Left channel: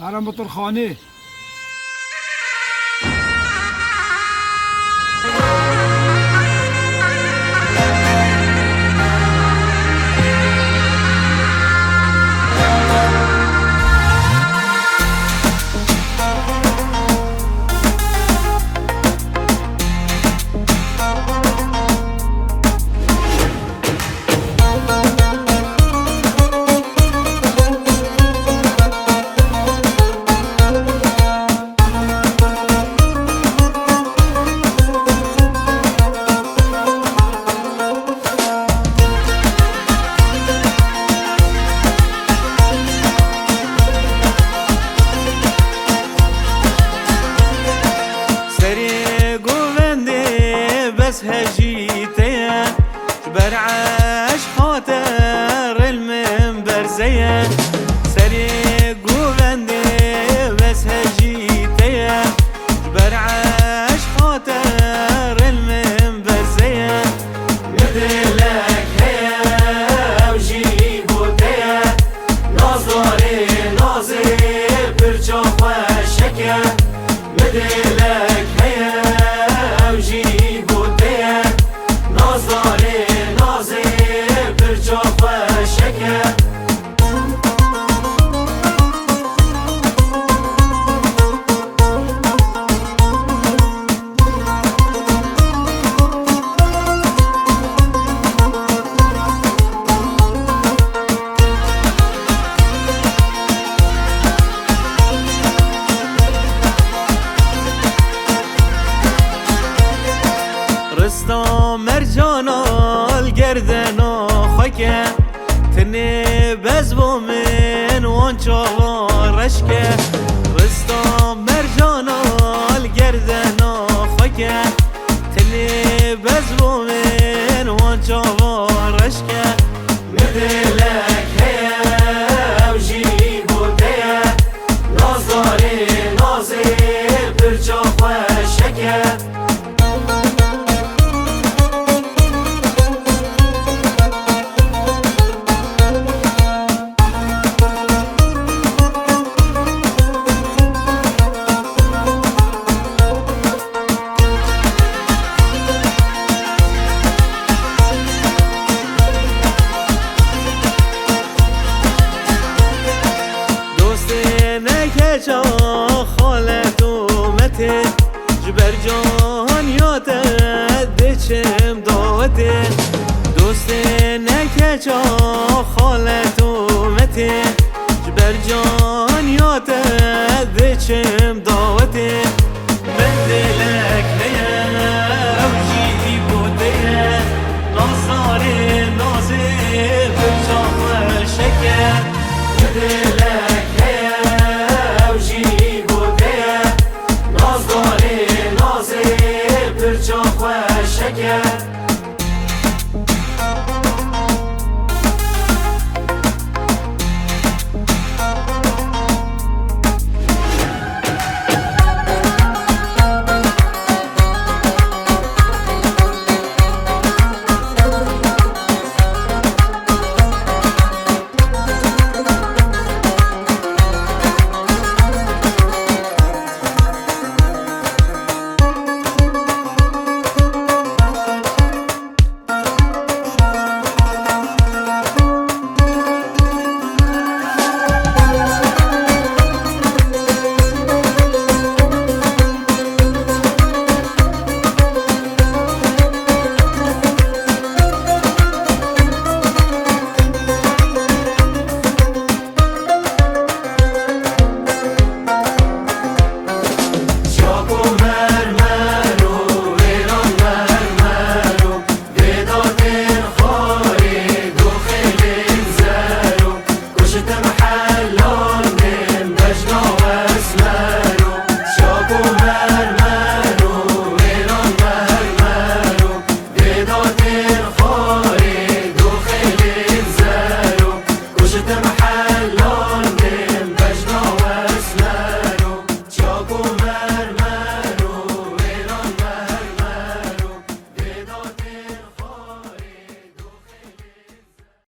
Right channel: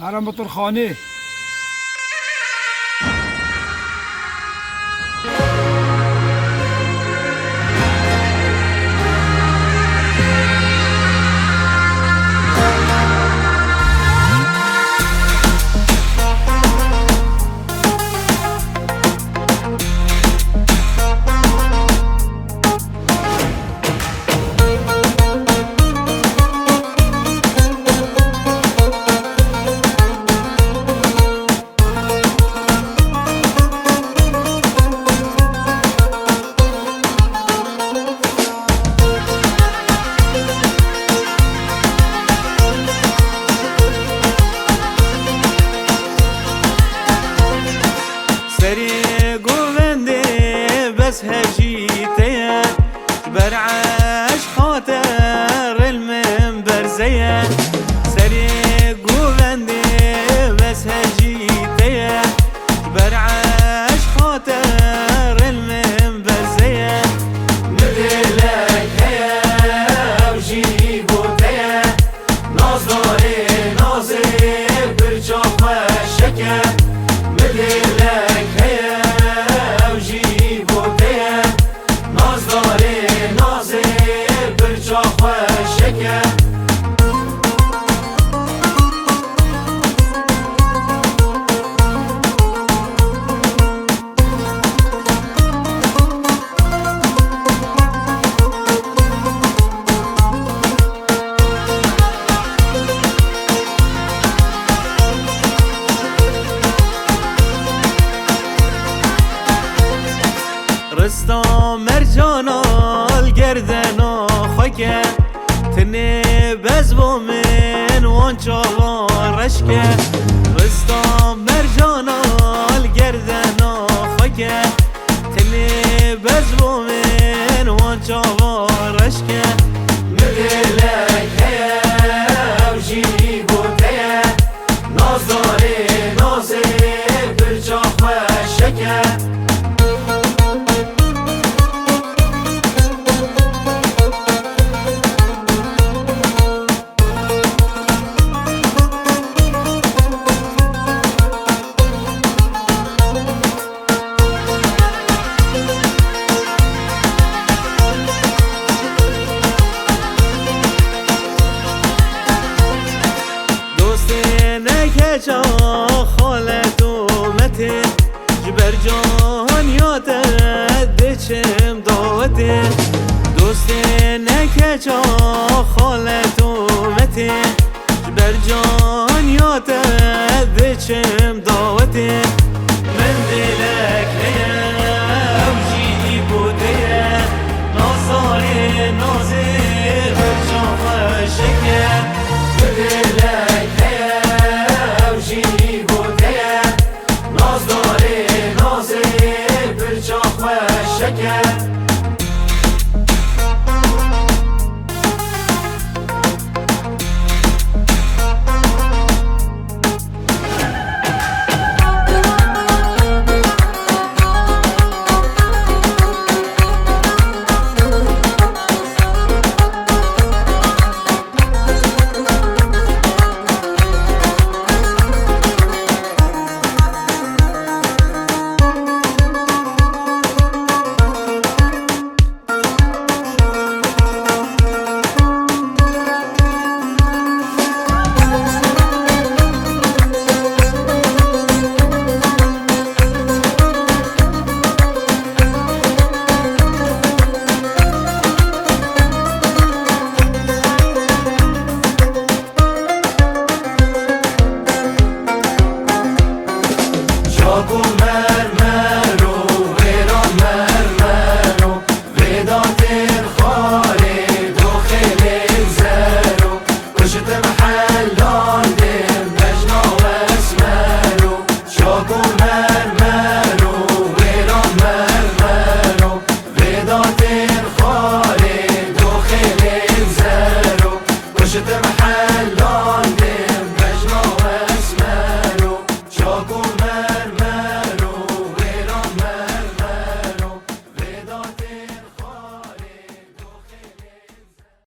هرم بطرخانه. سری گوونده بس هجیته برعاش خاطر المنبر زيه سری گوونده بس هجیته برعاش خاطر المنبر زيه مدلك هيا وجيبو تيا نظري ناظر برجوف الشكا مدلك رستم مرجانا الگردنا خاکه تنه بزبو من وانچا رشکه رستم مرجانا الگردنا خاکه تنه بزبو من وانچا رشکه مدلک هیا وجیبو تیا نظری نازی برجاف شکه نکجا خالت اومته جبر جان یاده دچم داوته دوست نکجا خالت اومته جبر جان یاده دچم داوته من دلک هیا وجیدی